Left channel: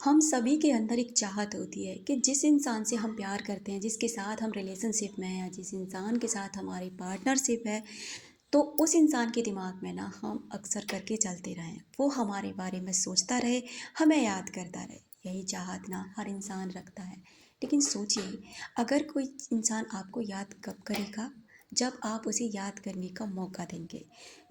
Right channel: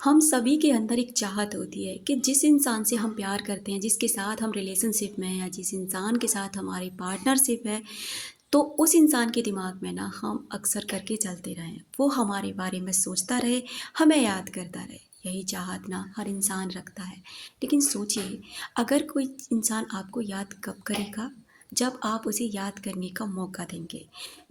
हम सभी के अंदर एक चाहत होती है कि जिस इंसान से हम प्यार करते हैं, जिसके साथ हम रिलेशनशिप में हैं या जिस इंसान के साथ हमारी पार्टनरशिप है, तो उस इंसान के दिमाग में ना हम अक्सर करके चलते रहें, वो हमारे बारे में सोचता रहे, हमें याद करता रहे। यही चाहत ना हर इंसान रखता है। लेकिन सोचिए, अगर कोई इंसान आपको याद कब करेगा? जब आप उसे याद करने का मौका देंगे।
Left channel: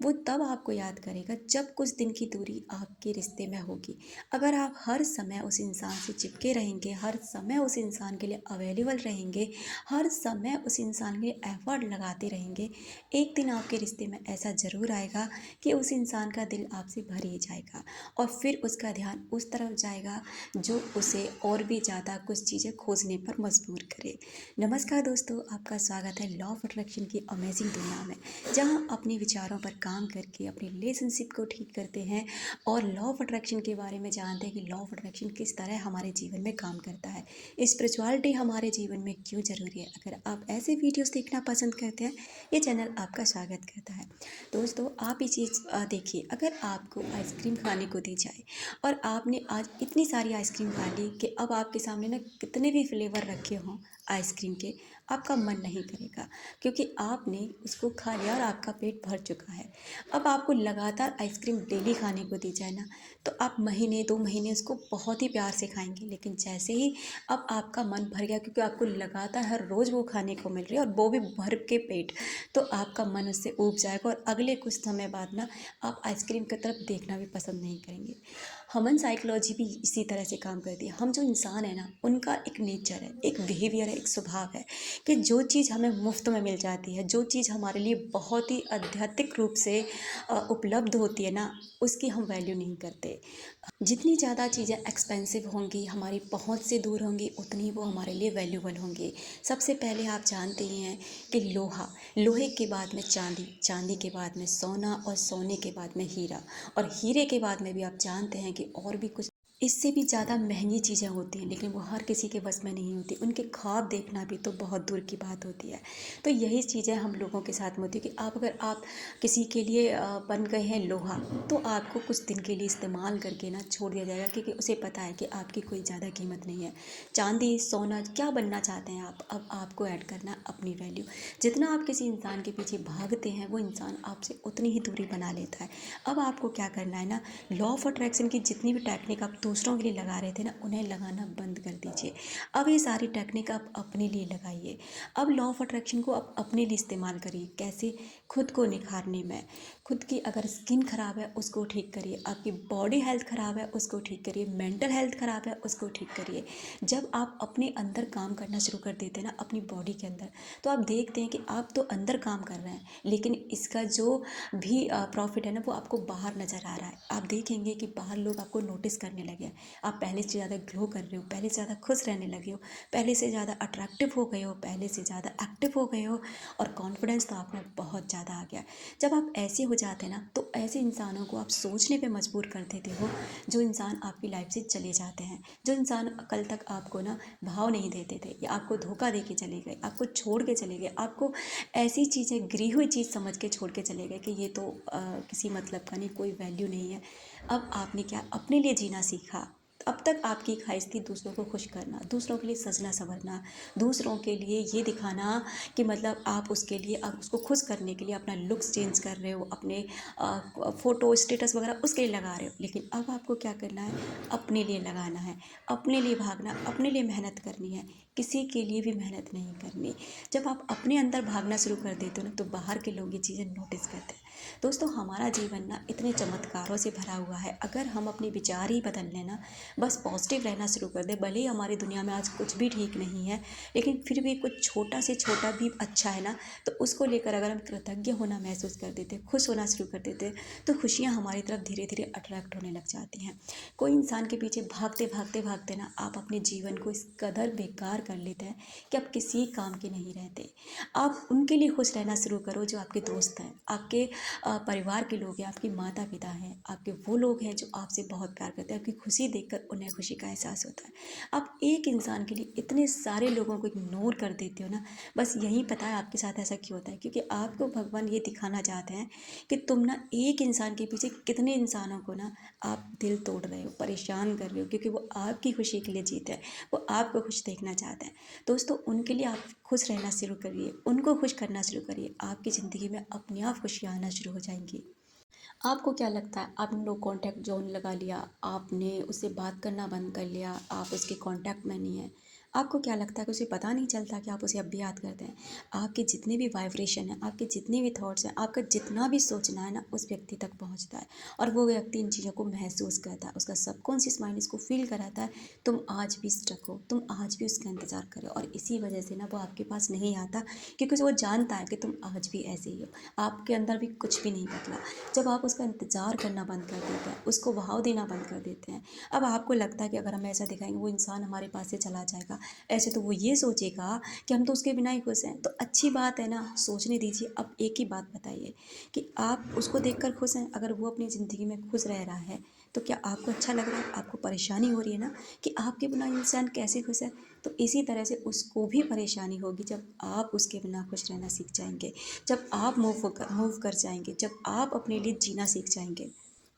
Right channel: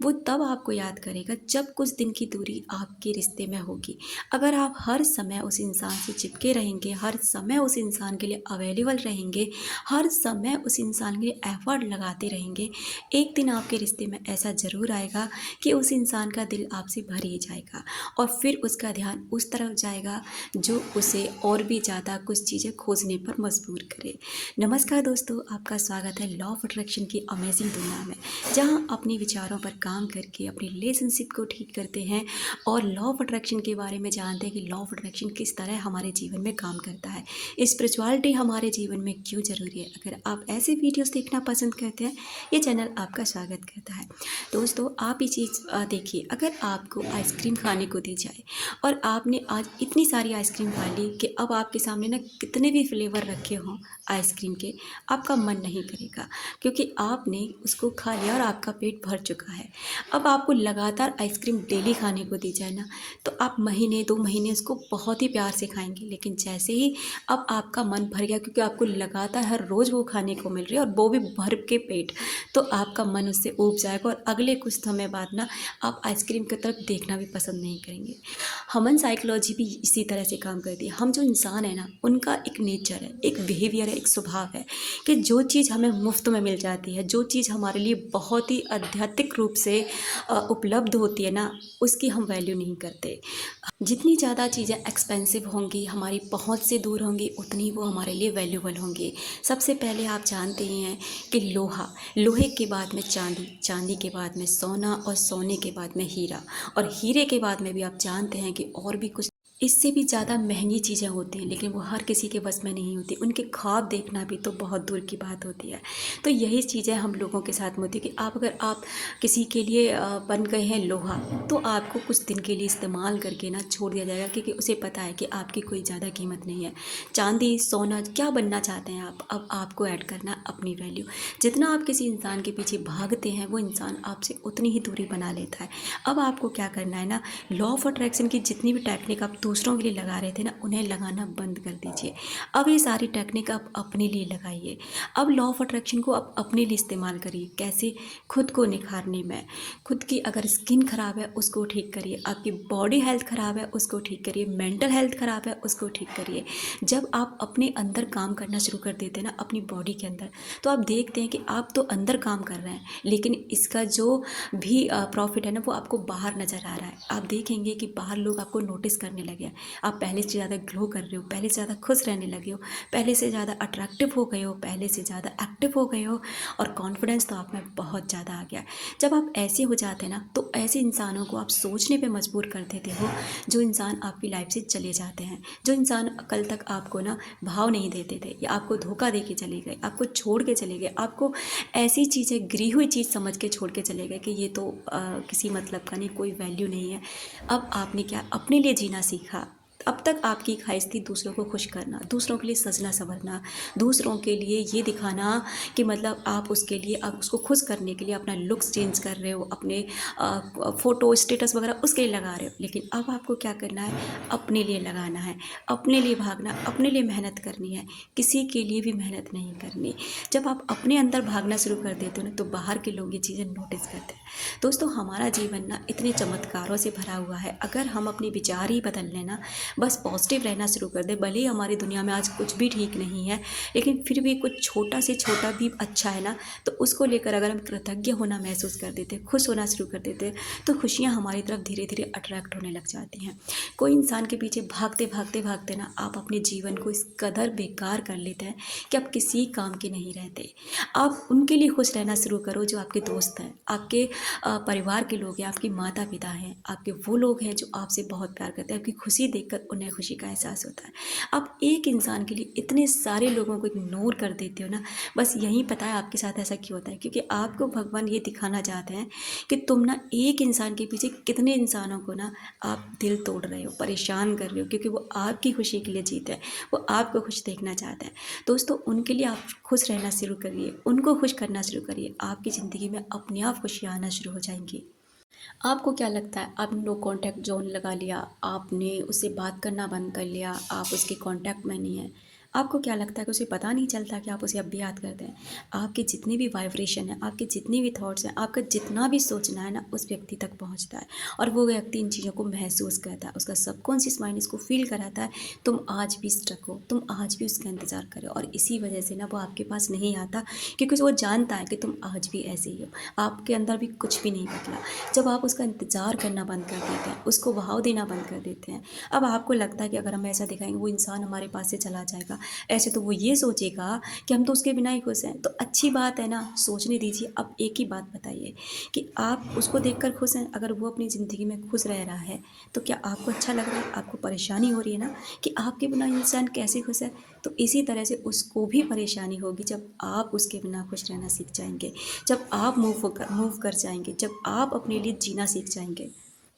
वो तब आपको याद करेगा जब कुछ दिन की दूरी आपके रिश्ते में होगी। अगर आप हर समय उस इंसान से चिपके रहेंगे, हर समय उस इंसान के लिए अवेलेबल रहेंगे, हर समय उस इंसान के लिए एफर्ट लगाते रहेंगे, एक दिन आपके रिश्ते में ऐसा ज़रूर आएगा कि उस इंसान का दिल आपसे भर ही जाएगा और फिर उसका ध्यान उस तरफ जाएगा जो उसे और भी ज़्यादा कुछ चीज़ें खोजने पर मजबूर करे। नमस्कार दोस्तों, आपका स्वागत है लॉ ऑफ अट्रैक्शन की अमेजिंग दुनिया में, जहां अपने विचारों पर काम करके अपनी रिलेशनशिप को ठीक करते हैं और लॉ ऑफ अट्रैक्शन के बारे में जानते हैं कि लॉ ऑफ अट्रैक्शन किस तरह हमारे जीवन में काम करता है, स्पिरिचुअलिटी हमारे जीवन में क्यों ज़रूरी है। अगर आप ऐसे वीडियोस देखना पसंद करते हैं, ये चैनल आपका स्वागत करता है। दोस्तों, आप ये चीज़ देखिए, अगर आपको आइसक्रीम खाने को दी जाए और आपने आज इतनी सारी आइसक्रीम खा ली कि अब आपके सामने ना कितने भी फ्लेवर रखे हों आइसक्रीम के, आपका मन नहीं करेगा क्योंकि आपने उसको खा लिया और आपका पेट भर चुका है। अब आपको लगातार आइसक्रीम डेली खाने को दी जाए ना, तो आप महीने 2 महीने उसको बहुत ही प्यार से खाएँगे। लेकिन जैसे ही अब आपका मन भर गया क्योंकि आपको लगातार हर रोज़ वो खाने को मिल रही है और वो भी भर के पेट, तो आपका मन उससे ऊब जाएगा और अगले कुछ समय बाद ना आप आइसक्रीम की तरफ देखना भी पसंद नहीं करेंगे। ह्यूमन साइकोलॉजी भी इसी तरह से काम करती है। हम जो इंसान है ना, उनका एक नेचर है, एक बिहेवियर है, एक स्वभाव है कि जो चीज़ हमें मुफ्त में मिल जाती है, जो चीज़ हमारे लिए बहुत ही आध्यात्मिक रूप से उपलब्ध होती है ना, उसकी हम वैल्यू नहीं करते। जितनी ज़्यादा चीज़ें एक्सपेंसिव होंगी, हमारी पहुंच से दूर होंगी, उतनी वो हमारे लिए वैल्यूबल होंगी। सबसे पहले आप जानते ही हैं कि लोहे के बाद में चांदी, चांदी के बाद में सोना और सोने के बाद में हीरा, और हीरे के बाद में भी आप जानते हैं कि और भी कुछ इससे भी ज़्यादा महंगी चीज़ें होती हैं, लेकिन वो हर किसी के बस में नहीं होती। उनके ख्वाब देखना भी तो बहुत दूर की बात होती है। तो यही चीज़ें हम लोगों के साथ में होती है कि आप किसी के लिए बन गए हैं लोहा, तो आपको कुछ दिन के लिए इस्तेमाल करके ना छोड़ दिया जाएगा क्योंकि उसे पता है कि आपकी कोई ज़्यादा कीमत नहीं है। चांदी, सोना, क्या बनना चाहते हैं आप? अब आपको ऐड करना अपनी वैल्यू। जितना आप किसी इंसान के पीछे भागते हैं, वो इंसान आपसे उतनी ही दूरी बना लेता है। अब आपको क्या करना है ना, लॉ ऑफ अट्रैक्शन की जितनी भी टेक्निक आप दूसरों के लिए लगा रहे थे ना, उन्हें लगाना बंद कर दीजिए। अब ये सारी टेक्निक आप अपने लिए लगाइए। अब लॉ ऑफ अट्रैक्शन को आप अपने लिए इस्तेमाल करिए। कैसे? खुद को निखारने में। खुद की अगर स्किन ख़राब है, उसको ठीक करिए। आपकी बॉडी हेल्थ ख़राब है, उसको ठीक करिए। मेंटल हेल्थ ख़राब है, उसको ठीक करिए। जब आप अपने अंदर काम करना शुरू कर देते हैं ना, अपनी बॉडी के अंदर, तो आप देखते हैं कि आप तो अंदर काम कर रहे हैं, लेकिन इसका जो भी प्रॉफिट है ना, वो आपको बाहर नज़र आ रहा है। आप देखेंगे कि बाहर लोग आपको नोटिस करने लगे हैं। आप पहले से ज़्यादा ग्लो कर रहे हो, पहले से ज़्यादा खुश रहने लगे हो, पहले से ज़्यादा अट्रैक्टिव हो गए हो, पहले से ज़्यादा एक्टिव हो गए हो, और कॉन्फिडेंस तो आप में बहुत ज़्यादा आ गया है। जब आप ऐसे हो जाते हैं ना, तो ऐसे इंसानों को आप सोचने पे मजबूर कर देते हो, जो इंसान आपकी लाइफ से चले जाते हैं, जो इंसान कल तक आपको ना भाव नहीं देते थे या आपको धोखा दे के चले गए, आपको छोड़ के चले गए, आपको ऐसी चीज़ें गिरी हुई चीज़ समझ के छोड़ के चले गए कि ये तो किसी मतलब का नहीं, कोई वैल्यू नहीं है। अब आपने क्या अपने लिए जीना सीखा। अब तक आपकी ख्वाहिश थी दूसरों को खुश करना, दूसरों के लिए सजना संवरना, दूसरों के लिए ये दिखाना कि मतलब आप उसके लिए, आप उसको खुश करने के लिए अपना लुक्स चेंज कर रहे हो, अपने फ़ोटो स्टेटस वगैरह उसके लिए लगा रहे हो। लेकिन अब आपको क्या करना है? अपने लिए लगाना है, अपने लिए भागना, अपने लिए मेहनत करनी है, किसी के लिए भी मेहनत नहीं करनी। जब आप अपने अंदर भागना शुरू कर देते हो ना, तो बाहर के लोग ये चीज़ें नोटिस करते हैं। दोस्तों, हमारा जीवन ना इतने चमत्कारों से भरा हुआ है। अगर हम अपने विचार ही बदल लेना, बस पॉजिटिव रहना शुरू कर दें, भले ही हमारी दुनिया में आज कुछ भी ठीक नहीं है, लेकिन फिर भी कुछ छोटा से छोटा भी अच्छा है ना, तो उसको लेकर अगर हम कृतज्ञ होना महसूस कर देते, खुश होना शुरू कर देते, तो खुशियाँ हमारी तरफ धीरे धीरे अट्रैक्ट होने लग जाती हैं। कोई इंसान के पीछे भागते भागते भागते ना, आप अपने जीवन को इस कदर बेकार कर लेते हैं कि आप किसी काम के नहीं रहते। आप उनके लिए खुश रहना शुरू करो जो आपके दोस्त हैं, आपके परिवार के लोग हैं, आपके माता पिता हैं, आपके वो लोग हैं जो आपसे बहुत प्यार करते हैं। आपकी खुशी देखकर देखकर उन्हें खुशी का एहसास होता है। आप एक इंसान के लिए इतने सारे लोगों को इग्नोर कर देते हो ना, बस यही पता है आपके साथ ऐसा क्यों होता है, क्योंकि आपको भगवान ये दिखाना चाहते हैं कि तुम ना एक इंसान के पीछे कितने इंसानों को ना आप दिल तोड़ रहे हो, परेशान कर रहे हो, क्योंकि वो आपकी खुशी के लिए जीते हैं, वो आपको खुश देखना चाहता है। दोस्तों, उनके लिए आप खुश रहना शुरू करिए, उनको खुश करना शुरू करिए, आपकी ज़िंदगी में अपने आप खुशियाँ आना शुरू हो जाएंगी। आपको क्या लगता है, आपने लो कॉन्टैक्ट ज़ोन लगा लिया, आपने उससे बात करना बंद कर लिया, आप उसके कॉन्टैक्ट में नहीं है, आपको क्या लगता है कि उसे पता नहीं चलता कि आप उसे अब भी याद करते हैं? आपकी जितनी भी वाइब्रेशन है, आपके जितने भी थॉट्स हैं, आपका जितना भी सोचना है ना, उस व्यक्ति तक पहुंचता है और वो व्यक्ति इन चीज़ों को महसूस करता है, उसका सबकॉन्शियस माइंड इसको फील कराता है। तुम आज भी स्ट्रक हो, तुम आज भी उसका इंतज़ार करो और इसी वजह से ना वो आपके पास नहीं आता, क्योंकि वो जानता है कि तुम आज भी ऐसे ही हो, आपके अंदर भी कुछ भी नहीं बदला। जब आप उसका इंतज़ार करना बंद कर देते हैं, उसको बहाव देना बंद कर देते हैं, अब आपको लगता है कि अगर हम ऐसा दिखाएंगे वो इंसान हमारे पास से चला जाएगा, ऐसे तो वो ये सोचेगा कि हम तो उसके बिना ही खुश हैं। तो अच्छी बात है ना, सोचने दीजिए। अब एक ही बात बताइए कि आप उसको देखकर खुश हैं? अगर वो अपनी ज़िंदगी में खुश रह रहा है तो क्या आपको अच्छा लग रहा है? आपको परेशानी हो रही है ना कि आपके बिना इंसान कैसे खुश है? तो इसी तरह से उसको भी परेशानी होगी जब आप उसके बिना खुश रहना सीख जाएंगे, जब आप मूव कर जाएंगे, जब आप अपने लिए जीना सीख जाएंगे।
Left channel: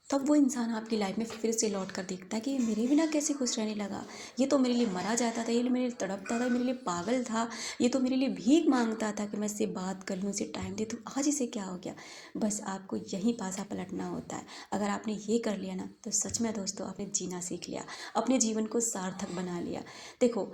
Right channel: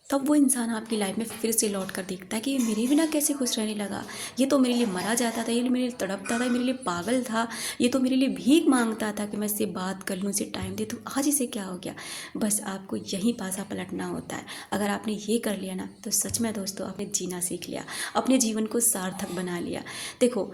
तब वो इंसान आपकी लाइफ में फिर से लौट कर देखता है कि ये मेरे बिना कैसे खुश रहने लगा, ये तो मेरे लिए मरा जाता था, ये मेरे लिए तड़पता था, ये मेरे लिए पागल था, ये तो मेरे लिए भीख मांगता था कि मैं इससे बात कर लूँ, इसे टाइम दे दूँ, आज इसे क्या हो गया। बस आपको यहीं पासा पलटना होता है। अगर आपने ये कर लिया ना, तो सच में दोस्तों आपने जीना सीख लिया, अपने जीवन को सार्थक बना लिया। देखो,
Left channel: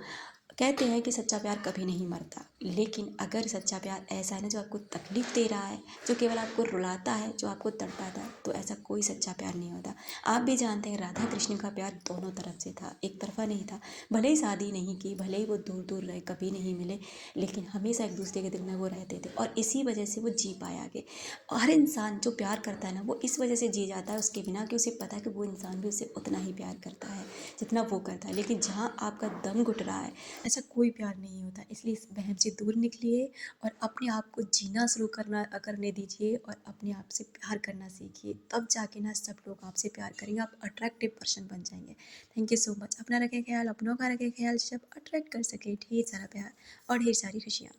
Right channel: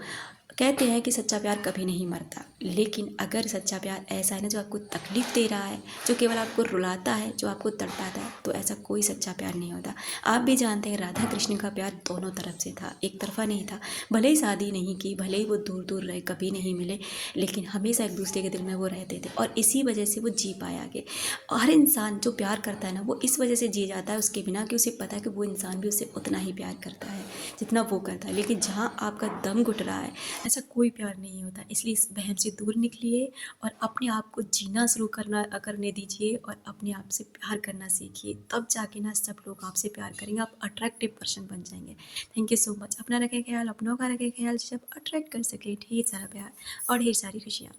कहते हैं कि सच्चा प्यार कभी नहीं मरता, लेकिन अगर सच्चा प्यार ऐसा है ना जो आपको तकलीफ़ दे रहा है, जो केवल आपको रुलाता है, जो आपको तड़पाता है, तो ऐसा कोई सच्चा प्यार नहीं होता। आप भी जानते हैं राधा कृष्ण का प्यार दोनों तरफ से था, एक तरफा नहीं था। भले ही शादी नहीं की, भले ही वो दूर दूर रहे, कभी नहीं मिले, लेकिन हमेशा एक दूसरे के दिल में वो रहते थे और इसी वजह से वो जी पाए आगे। हर इंसान जो प्यार करता है ना, वो इस वजह से जी जाता है उसके बिना, कि उसे पता है कि वो इंसान भी उससे उतना ही प्यार करता है जितना वो करता है। लेकिन जहाँ आपका दम घुट रहा है, ऐसा कोई प्यार नहीं होता। इसलिए इस वहम से दूर निकलिए और अपने आप को जीना शुरू करने दीजिए और अपने आप से प्यार करना सीखिए। तब जाके ना सब लोग आपसे प्यार करेंगे, आप अट्रैक्टिव पर्सन बन जाएंगे। Thank you so much. अपना रखें ख्याल, अपनों का रखें ख्याल, सब अट्रैक्ट कर सके ढेर सारा प्यार और ढेर सारी खुशियाँ।